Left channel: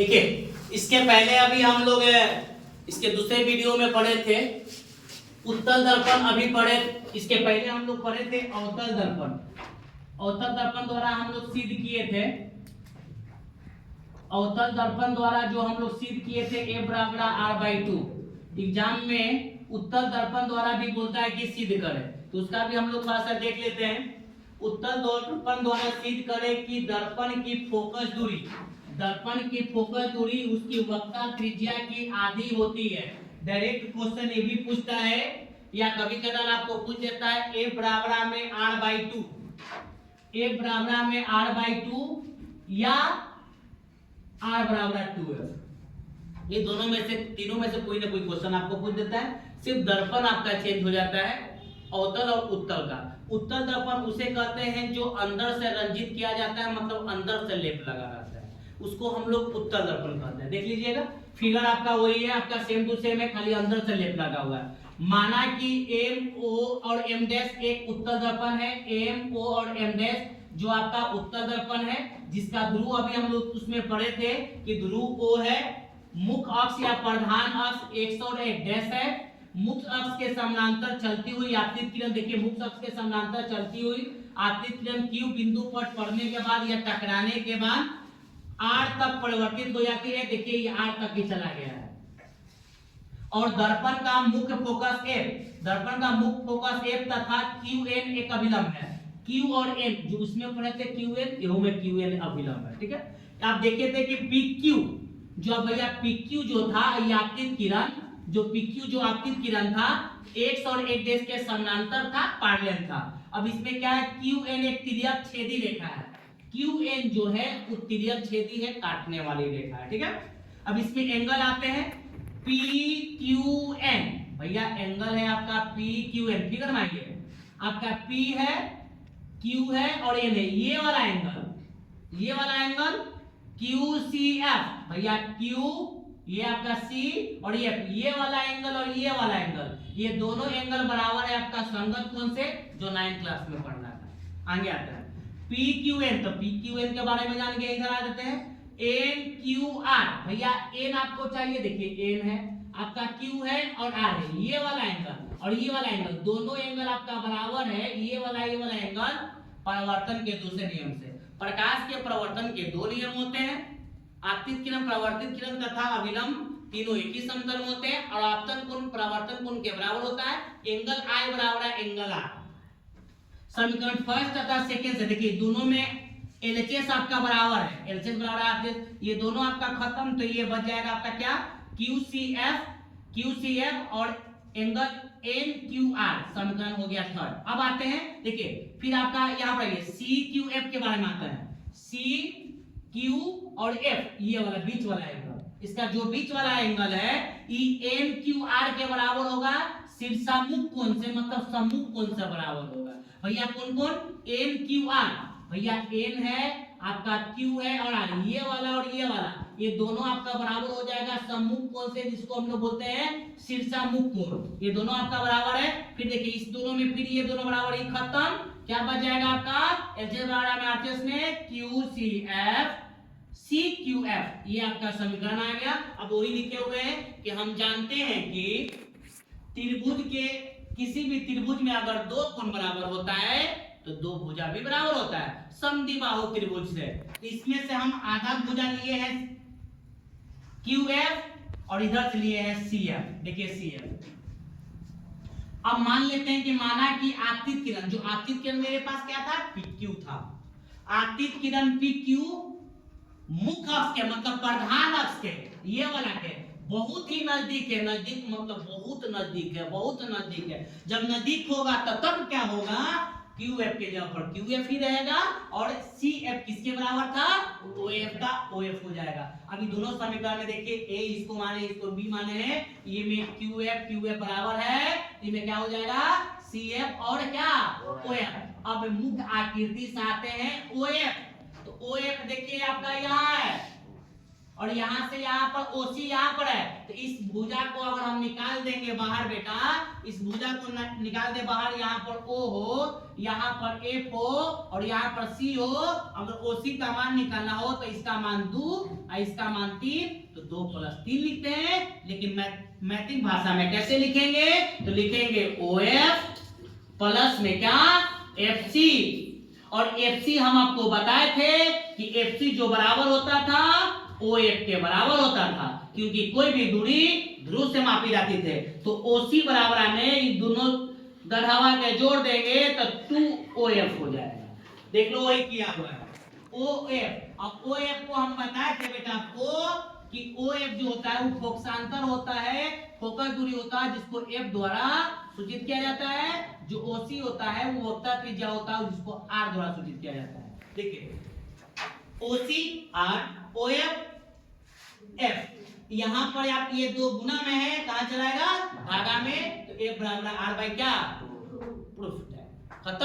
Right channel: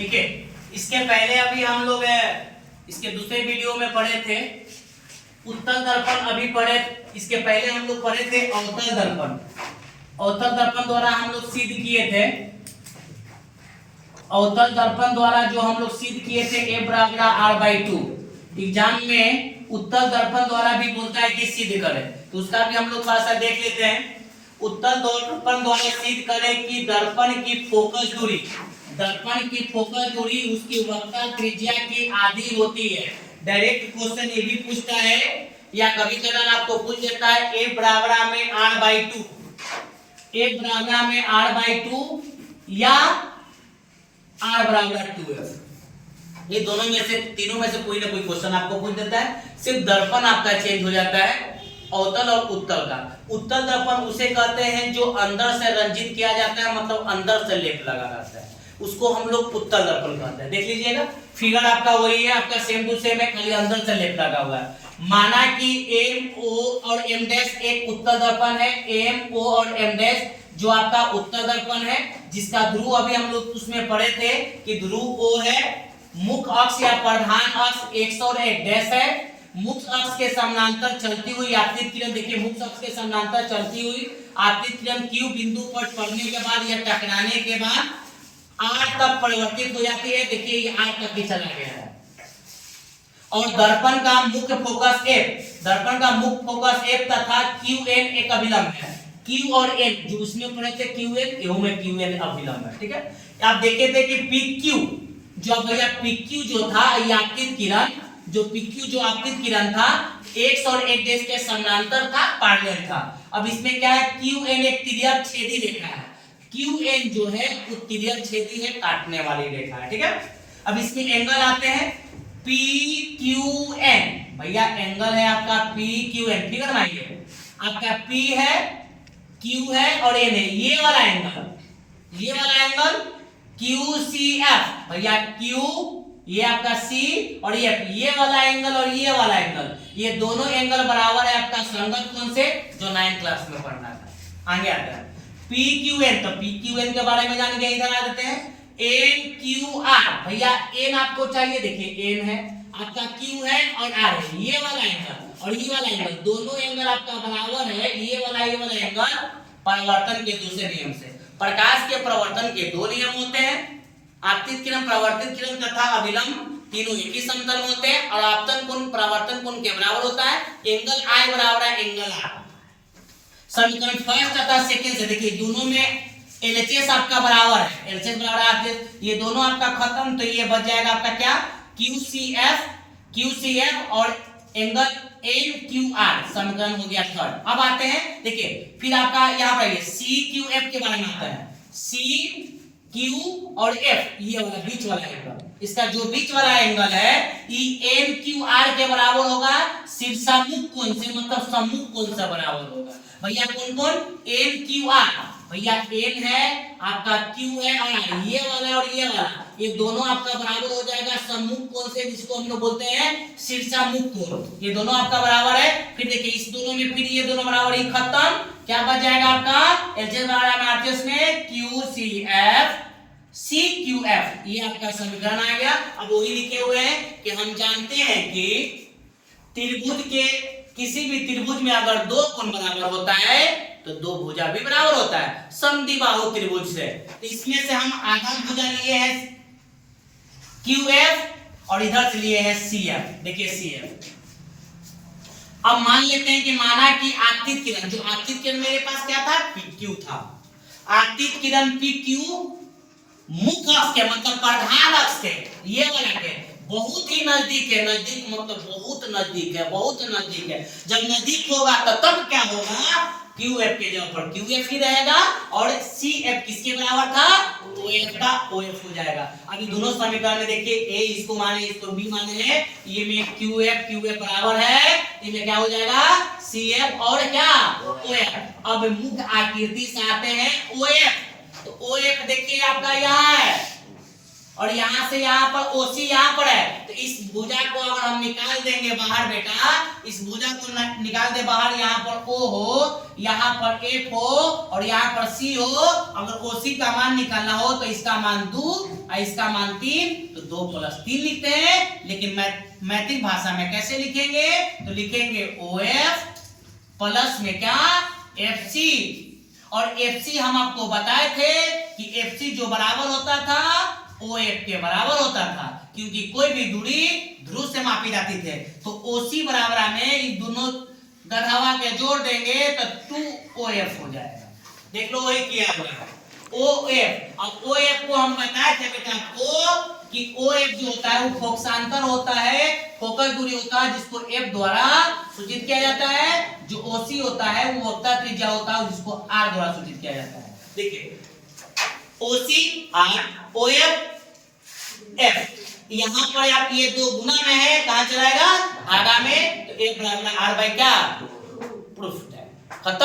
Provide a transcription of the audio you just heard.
देखिए इसके पहले अभी हम लोग इसके दूसरे वीडियो में पढ़े थे उत्तल दर्पण, अभी पढ़े इसके पहले हम लोग पढ़े थे अवतल दर्पण। अवतल दर्पण द्वारा हम लोग सिद्ध किए थे, अवतल दर्पण द्वारा जो हम लोग सिद्ध किए थे A बराबर R/2। एग्जाम में उत्तल दर्पण द्वारा भी बोलता है कि सिद्ध करें, तो उसका भी हम लोग थोड़ा सा देख लेते हैं। उत्तल दर्पण द्वारा सिद्ध करें कि दर्पण की फोकस दूरी, दर्पण की फोकस दूरी उसकी वक्रता त्रिज्या की आधी होती है। डायरेक्ट क्वेश्चन ये भी पूछता है या कभी कभार आपको पूछ देता है A बराबर में R/2, A बराबर में R/2 या R बराबर 2f। ये दोनों में से तीनों में से कोई ना कोई क्वेश्चन आपको पूछ देता है। सिर्फ दर्पण आपका चेंज हो जाता है अवतल और उत्तल का। उत्तल दर्पण उसे कहते हैं जो अंदर से रंजित किया जाता है, मतलब अंदर से लेप लगा रहता है, उसको हम लोग उत्तल दर्पण कहते हैं। देख लीजिएगा फिगर आपका वही है, आपका सेम टू सेम है, खाली अंदर से लेप लगा हुआ है। माना कि M O और M डैश एक उत्तल दर्पण है, M O और M डैश जो आपका उत्तल दर्पण है, जिसका ध्रुव अभी हम लोग उसमें पढ़े थे कि ध्रुव O है, मुख्य अक्ष या प्रधान अक्ष 101 डैश है, मुख्य अक्ष के समानांतर चलती हुई आपतित किरण, देखिए मुख्य अक्ष के समानांतर चलती हुई आपतित किरण Q बिंदु पर पड़ने के बाद या टकराने के बाद R तक परिवर्तित हो जाती है। देखिए ये R तक ही चला गया है। और दर्पण का मुख्य फोकस F, दर्पण का मुख्य फोकस F तथा QN एक अभिलंब है। Q और N जो उसमें पढ़े थे QN, यू में QN अभिलंब है। ठीक है, आप देखे थे कि PQ जो भैया PQ जो था ये आपतित किरण, जो PQ जो आपतित किरण था X और एक डैश के समानांतर था, पैरेलल था। अब इसमें क्या है, QN एक तिर्यक छेदी रेखा है, QN जो है वो तिर्यक छेदी है, काटने वाली रेखा है। ठीक है, अब इसमें एंगल आते हैं PQN, भैया एंगल है आपका PQN। फिगर बनाइए, आपका P है, Q है और N है, ये वाला एंगल, ये वाला एंगल QCF, भैया Q ये आपका C और ये F, ये वाला एंगल और ये वाला एंगल, ये दोनों एंगल बराबर है आपका संगत कोण से, जो 9th क्लास में पढ़ना था। आगे आता है PQN, तो PQN के बारे में जान गए, इधर आ जाते हैं NQR, भैया N आपको चाहिए, देखिए N है आपका, Q है और R है, ये वाला एंगल और ये वाला एंगल, दोनों एंगल आपका बराबर है। ये वाला एंगल परावर्तन के दूसरे नियम से, प्रकाश के प्रवर्तन के दो नियम होते हैं, आपतित किरण, परावर्तित किरण तथा अभिलंब, तीनों एक ही समतल में होते हैं। और आपतन कोण परावर्तन कोण के बराबर होता है, एंगल I बराबर है एंगल R। समीकरण फर्स्ट तथा सेकंड से देखिए दोनों में LHS आपका बराबर है, LHS बराबर है, ये दोनों आपका खत्म, तो ये बच जाएगा आपका क्या, QCF और एंगल NQR, समीकरण हो गया थर्ड। अब आते हैं देखिए, फिर आपका यहाँ पर ये CQF के बारे में आता है, CQ और F, ये वाला बीच वाला एंगल, इसका जो बीच वाला एंगल है ये NQR के बराबर होगा शीर्षामुख कोण से, मतलब सम्मुख कोण से बराबर होगा। भैया कौन कौन, NQR, भैया N है आपका, Q है और R, ये वाला और ये वाला, ये दोनों आपका बराबर हो जाएगा सम्मुख कोण से, जिसको हम लोग बोलते हैं शीर्षामुख कोण, ये दोनों आपका बराबर है। फिर देखिए इस दोनों में फिर ये दोनों बराबर, ये खत्म, क्या बच जाएगा आपका LHS बराबर में RHS में QCF CQF, ये आपका समीकरण आ गया। अब वही लिखे हुए हैं कि हम जानते हैं कि त्रिभुज के किसी भी त्रिभुज में अगर दो कोण बराबर होता है तो दो भुजा भी बराबर होता है समद्विबाहु त्रिभुज से। तो इसमें से हम आधा भुजा लिए हैं QF और इधर से लिए हैं CF, देखिए CF। अब मान लेते हैं कि माना कि आपतित किरण, जो आपतित किरण मेरे पास क्या था, PQ था, आपतित किरण PQ मुख्य अक्ष के, मतलब प्रधान अक्ष के, ये वाला के बहुत ही नजदीक है, नजदीक मतलब बहुत नजदीक है, बहुत नजदीक है। जब नजदीक होगा तो तब क्या होगा, QF के जगह पर QF ही रहेगा और CF किसके बराबर था, OF का OF हो जाएगा। अभी दोनों समीकरण में देखिए A इसको माने, इसको B माने हैं, ये में QF बराबर है, इसमें क्या हो जाएगा CF और क्या OF। अब मुख्य आकृति से आते हैं OF, तो OF देखिए आपका यहाँ है और यहाँ से यहाँ पर OC यहाँ पर है, तो इस भुजा को अगर हम निकाल देंगे बाहर बेटा, इस भुजा को निकाल दे बाहर, यहाँ पर O हो, यहाँ पर F हो और यहाँ पर C हो, अगर OC का मान निकालना हो तो इसका मान 2 और इसका मान 3, तो 2 + 3 लिखते हैं। लेकिन मैथमेटिक भाषा में कैसे लिखेंगे, तो लिखेंगे OF प्लस में क्या FC, और FC हम आपको बताए थे कि FC जो बराबर होता था OF के बराबर होता था, क्योंकि कोई भी दूरी ध्रुव से मापी जाती थे। तो OC बराबर में इन दोनों गढ़ावा के जोड़ देंगे तो 2OF हो जाएगा। देख लो वही किया हुआ है OF। अब OF को हम बताए थे बेटा आपको कि OF जो होता है वो फोकसांतर होता है, फोकस दूरी होता है जिसको F द्वारा सूचित किया जाता है। जो OC होता है वो वक्ता त्रिज्या होता है जिसको R द्वारा सूचित किया जाता है। देखिए OC R, OF F, यहाँ पर आप ये 2 गुना में है, कहाँ चलाएगा भागा में, तो F बराबर R बाई क्या प्रूफ